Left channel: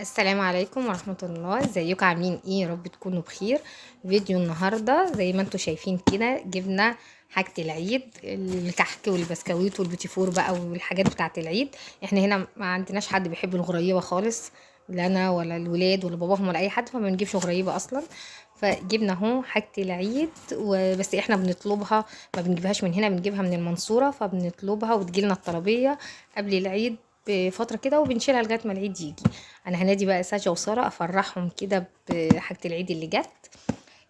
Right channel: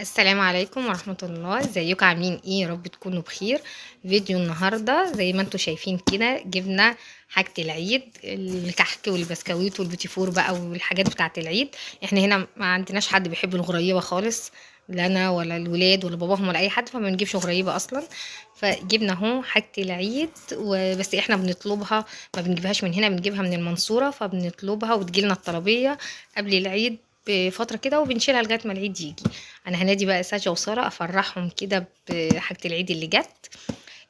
السلام عليكم ورحمة الله. ازيكم عاملين ايه؟ يا رب تكونوا بخير. فيديو النهاردة زي ما انتم شايفين كده جبنا حاجة العيد، الكحك والبسكويت والبيتي فور بقى والحاجات بتاعة العيد. احنا هنا ما عندناش حد بيحب الغريبة خالص، لا انا ولا الولاد ولا باباهم ولا اي حد، فما بنجيبش غريبة اصلا. فجبنا اهو حاجة العيد وبس. احنا بنطلبها، ما بنجيبهاش من هنا، بنجيبها من المنصورة، فبنطلبها وتجيلنا الطلبية قبل العيد بفترة كده وبنشيلها لغاية ما العيد يجي. انا هنادي بقى ساشا وساره افرحهم كده بحاجه العيد اللي جت.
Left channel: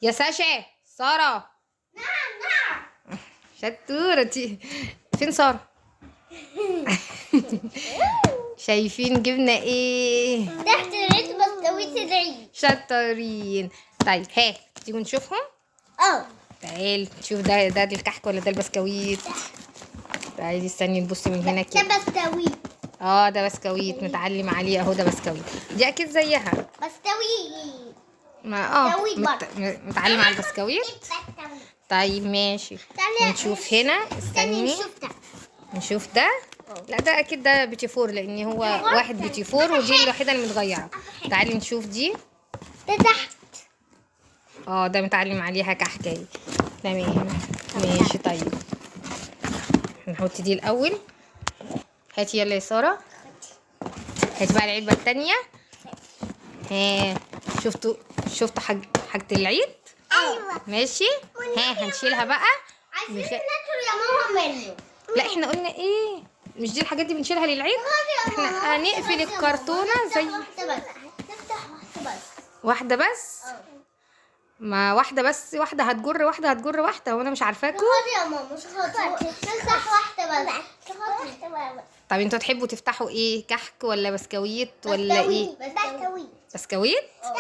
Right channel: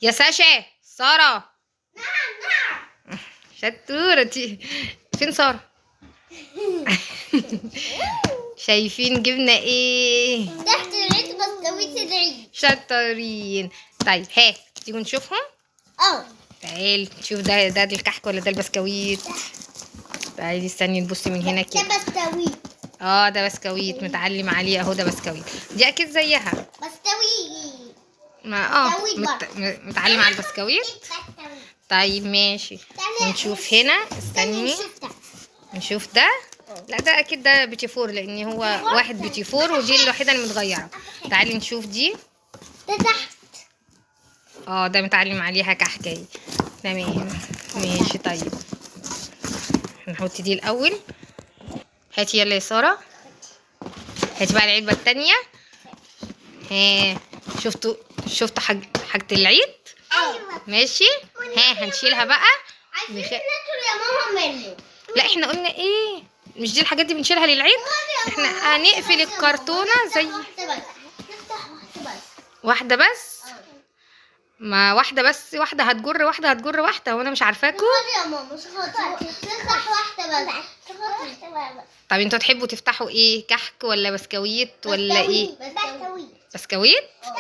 يا ساشا، ساره، شطوره فين ساره؟ شايفين جبنا ايه؟ تحت العيد بسكويت العيد. شطارين. طيب ها تيجوا نشوفهم. تعال نشوف ده الكحك ولا ده البسكويت. تعالي استني نبص من هنا ده كده. بسكويت. ده بسكويت متعلم عليه اهو، ده بسكويت، دي اكيد زيها. بسكويت. ما بسكويت متعلم على البسكويت. طيب ماشي، نشوف هنا. استني نشوف ده. لا ده اكيد ده بيتي فور، لان هو واحد بيتي فور ودي الوحيده اللي متغيره. تعالي نشوف دي. ده تحت. ده متعلم عليها كحكايه. تمام ماشي. طيب نحط دي الاول. هاتي يلا يا ساره، هاتي بقى العلبه التانية. ها شفتوا حاجه العيد. ايوه ماشي. هنشيلها بقى. عايزين ناكل يا ماما منه. لا احنا قلنا ايه، مش دي الحاجات دي بنشيلها للعيد. احنا هنقفل الكرتونه زي نفتح واحده بس. ما واحده بس، واحده هتجر واحده هتجر واحده، وانا مش عارفاكوا. يا ماما مش نفتح واحده بس. طب انتوا تحبوا تفتحوا ايه، كحك ولا بسكويت ولا ايه؟ بسكويت. بسكويت. ده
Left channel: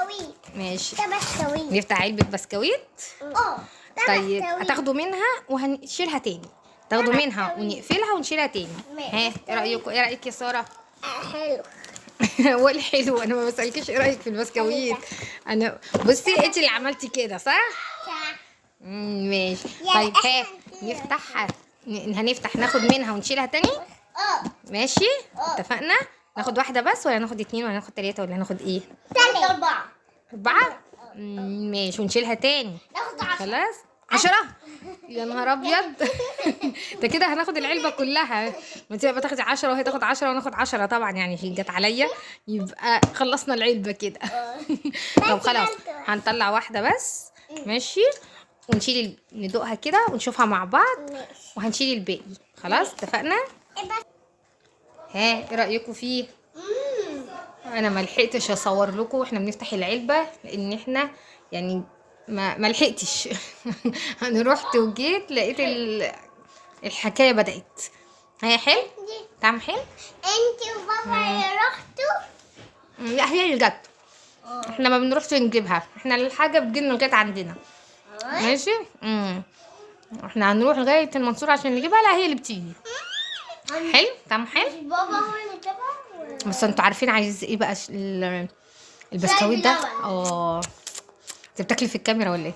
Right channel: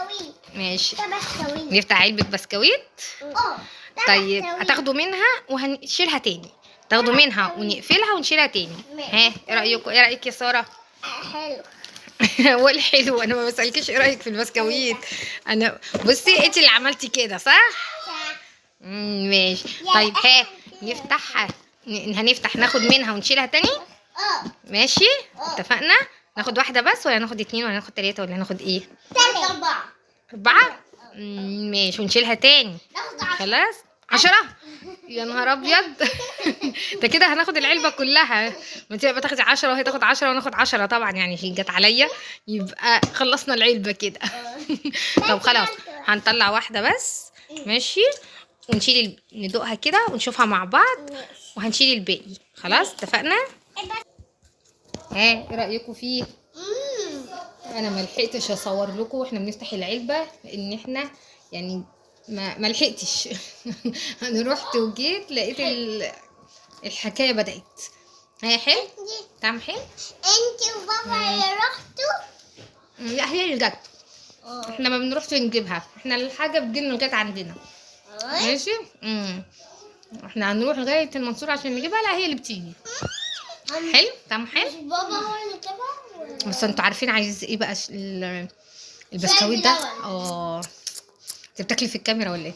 بسكويت. ماشي، ده بسكويت. نفتح علبه بسكويت. طيب هتاخدوا منها وهنشيلها تاني، تاخدوا منها ونقفلها ونشيلها تاني. ايه رايكم؟ ايه رايك يا ساره؟ حلو. هو الحلو، انا ما بسالكش ايه رايك في البسكويت. انا بصي انت اللي عملتي كده صح. ماشي. طيب نفتحها، هنفتح ناخد منها ونشيلها تاني. ماشي اتفقنا. ناخد واحده بس ولا ناخد اتنين ولا ناخد تلاته ولا ناخد ايه؟ أربعة. اربعه. ماشي، ونشيلها تاني. ناخد 10. خلاص 10. يا نهار ابيض. ده كده هناخد العلبه كلها. ما انت بقى تاخدي 10 وهي تاخد 10 وناخد 10 طبعا، يعني هي جت عليا يبقى خلصنا العلبه كده. طب خلاص هنطلع واحده بس. ماشي، ونشيل ندوقها كده ونشوفها مع بعض وهنشيل الباقي. خلاص اتفقنا. ايه رايكم فيه؟ انا ما لحقتش اصور لكم واحنا بنفتح العلبه، لان احنا يعني ما لحقتش. انا رحت وجيت لقيت الحكايه بدات. هي حلو، طعم حلو. انتي وبابا رحتوا؟ لا هي اللي جت، احنا ما بنروحش نجيبها، احنا الحاجه بتجيلنا لغايه عندنا. ماشي. احنا هنروح لغايه المنصوره عشان نجيبها، لا هي اللي بتيجي. حلو، طعم حلو. بابا هو اللي جابها. بس انتوا عارفين عايز ايه بقى البسكويت ده؟ انت بتاكلي في الكاميرا ولا ايه؟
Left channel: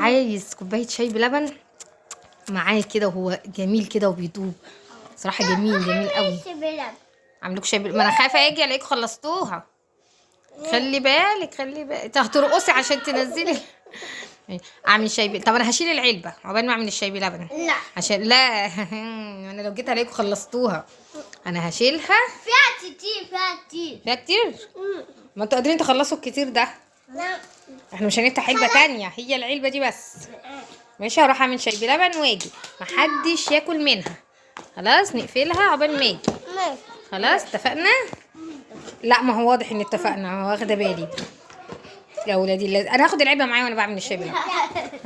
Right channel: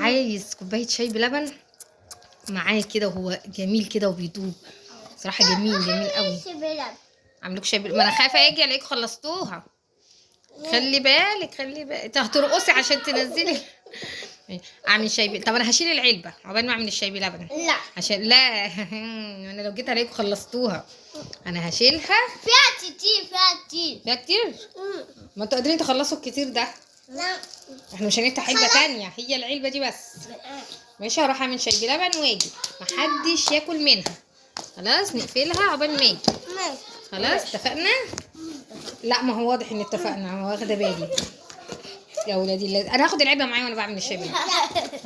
عايز كوبايه شاي بلبن معاه كده، وهو جميل كده وبيدوب صراحه. جميل قوي. عاملوك شاي ما انا خايفه اجي الاقيكم خلصتوها. خلي بالك انت هترقصي عشان تنزلي. اعمل شاي طب انا هشيل العلبه عقبال ما اعمل الشاي بلبن. لا عشان لا. انا لو جيت الاقيكم خلصتوها انا هشيلها. فيها كتير. ما انتوا قادرين تخلصوا الكتير ده. لا. احنا مش هنفتح علبه تانية، هي العلبه دي بس. ماشي، هروح اعمل شاي بلبن واجي، محدش ياكل منها. خلاص نقفلها عقبال ما اجي. خلاص اتفقنا. لا ما هو واضح ان اتفقنا، واخده بالي يا ولادي. انا هاخد العلبه معايا وانا بعمل الشاي بلبن.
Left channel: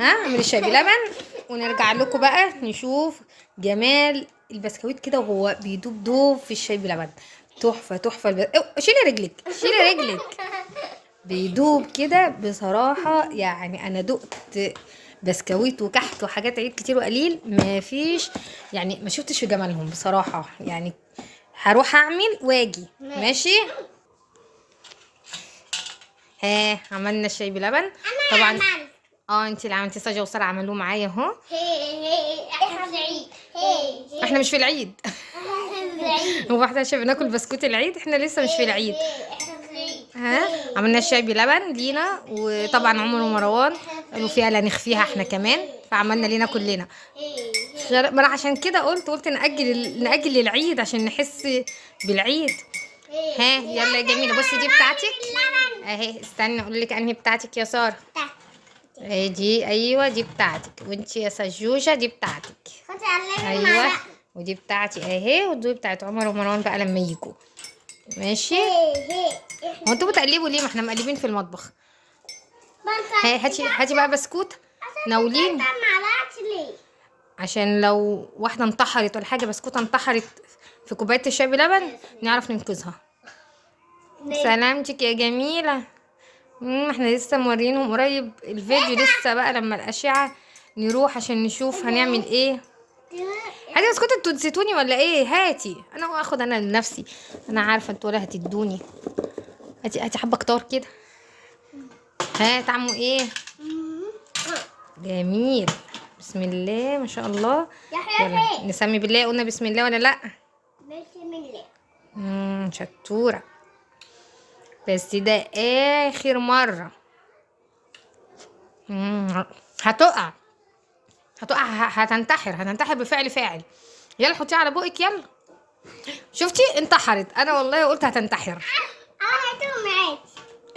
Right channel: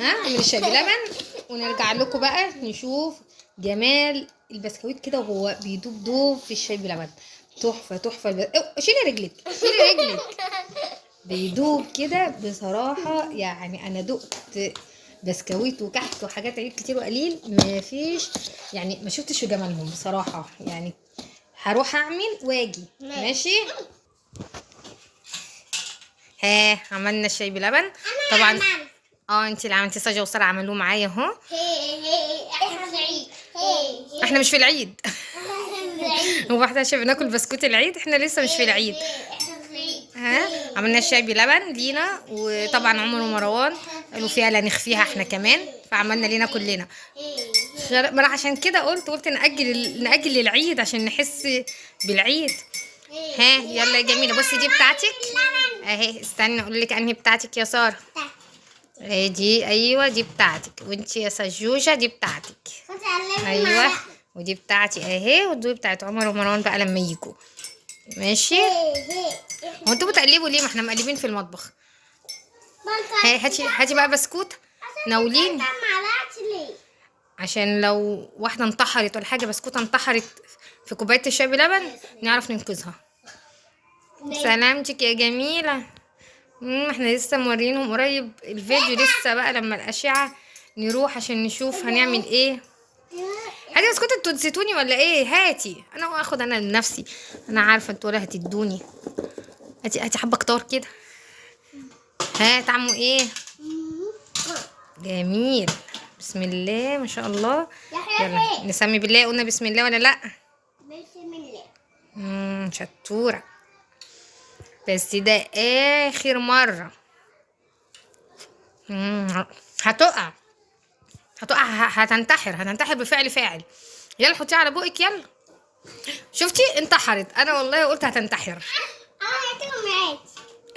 اعمل الشاي بلبن ونرجع لكم بقى نشوف جمال البسكويت كده وهو بيدوب في الشاي بلبن. تحفه. شيلي رجلك. بيدوب كده بصراحه. يعني انا دقت بسكويت وكحك وحاجات عيد كتير وقليل، ما فيش يعني، ما شفتش في جمالهم بصراحه. يعني هروح اعمل واجي. ماشي. عملنا الشاي بلبن طبعا. انتي اللي عملتي، ساجة وسارة عملوه معايا اهو. احنا في العيد. احنا مش في العيد. هو احنا عشان بناكل بسكوت العيد؟ احنا لسه مش في العيد. ها عملنا الشاي بلبن لينا، وطبعا عمر ومروان قالوا فيها لا نخفيها احنا كمان، فعملنا لينا كلنا. ما انا عشان كده قلت نأجل للعيد عشان نحس بالعيد. ها يلا يا جميله، بصي دي بتاعتك اهي. استني اقول لك انهي بتاعتك يا ساره. اهي دي، ايوه دي بتاعتك. وانتي يا سجوجه دي بتاعتك. ايوه ودي بتاعتي اهي، ودي بتاعت عمر ومروان بقى لما يجوا. ماشي. هو انتوا بتقلبوا ليه؟ ما احنا مقلبين في المطبخ. هاتي بقى بسكوت ناولين، عشان لو واحده انتحرت ولا حاجه، بسكوته انتحرت في كوبايه الشاي بلبن نعرف ننقذها. سلامتك يا جميله. احنا لسه مورينهم قريب الفيديو، لسه بقى لما الاشعه نروح عشان نشوف هنعمل ايه. هاتي بسكوت، انتوا نسيتوني ولا ايه؟ هاتي انا اخد انا لنفسي، انا عارفه انتوا ولا هتدوني. هاتي حبه كتار كده. ها طعمه ايه؟ جميل. بسم الله ما شاء الله. يلا نسمي بالله. قلنا بسم الله ولا لا؟ بسم الله. شطوره. بس ده اخر مره. هتقع هتنتحر بفعل فاعل. يلا حطيها على بقك يلا. شفتي انتحرت. انا والله قلت هتنتحر. هاتوا معاك.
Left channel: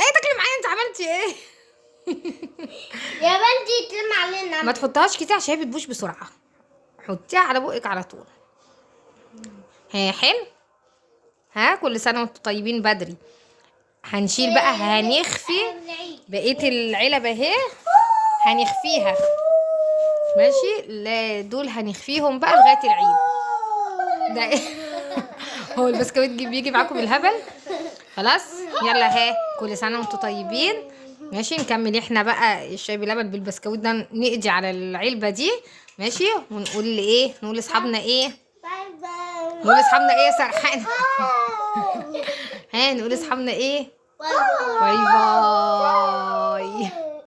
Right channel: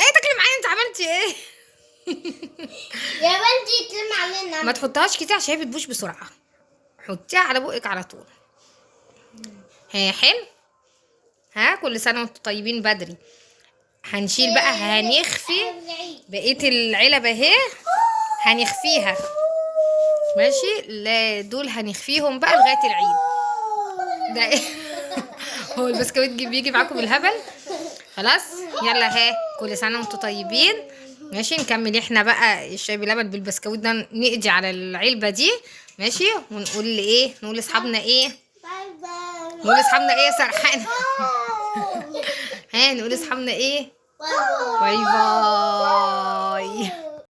ايه تاكلي معايا؟ انت عملتي ايه؟ يا بنتي تلم علينا. ما تحطهاش كتير عشان هي بتبوش بسرعه. حطيها على بقك على طول. ها حلو. ها كل سنه وانتم طيبين بدري. هنشيل بقى، هنخفي بقيه العلب اهي، هنخفيها. ماشي. لا دول هنخفيهم بقى لغايه العيد. ده ايه؟ هو البسكويت بيجي معاكم بالهبل. خلاص يلا. ها كل سنه وانتم طيبين. ماشي نكمل احنا بقى الشاي بلبن بالبسكويت ده، نقضي على العلبه دي. ماشي. ونقول ايه؟ نقول لاصحابنا ايه؟ باي باي. نقول لاصحابنا ايه يا سرحانه؟ ها نقول لاصحابنا ايه؟ باي باي. باي باي.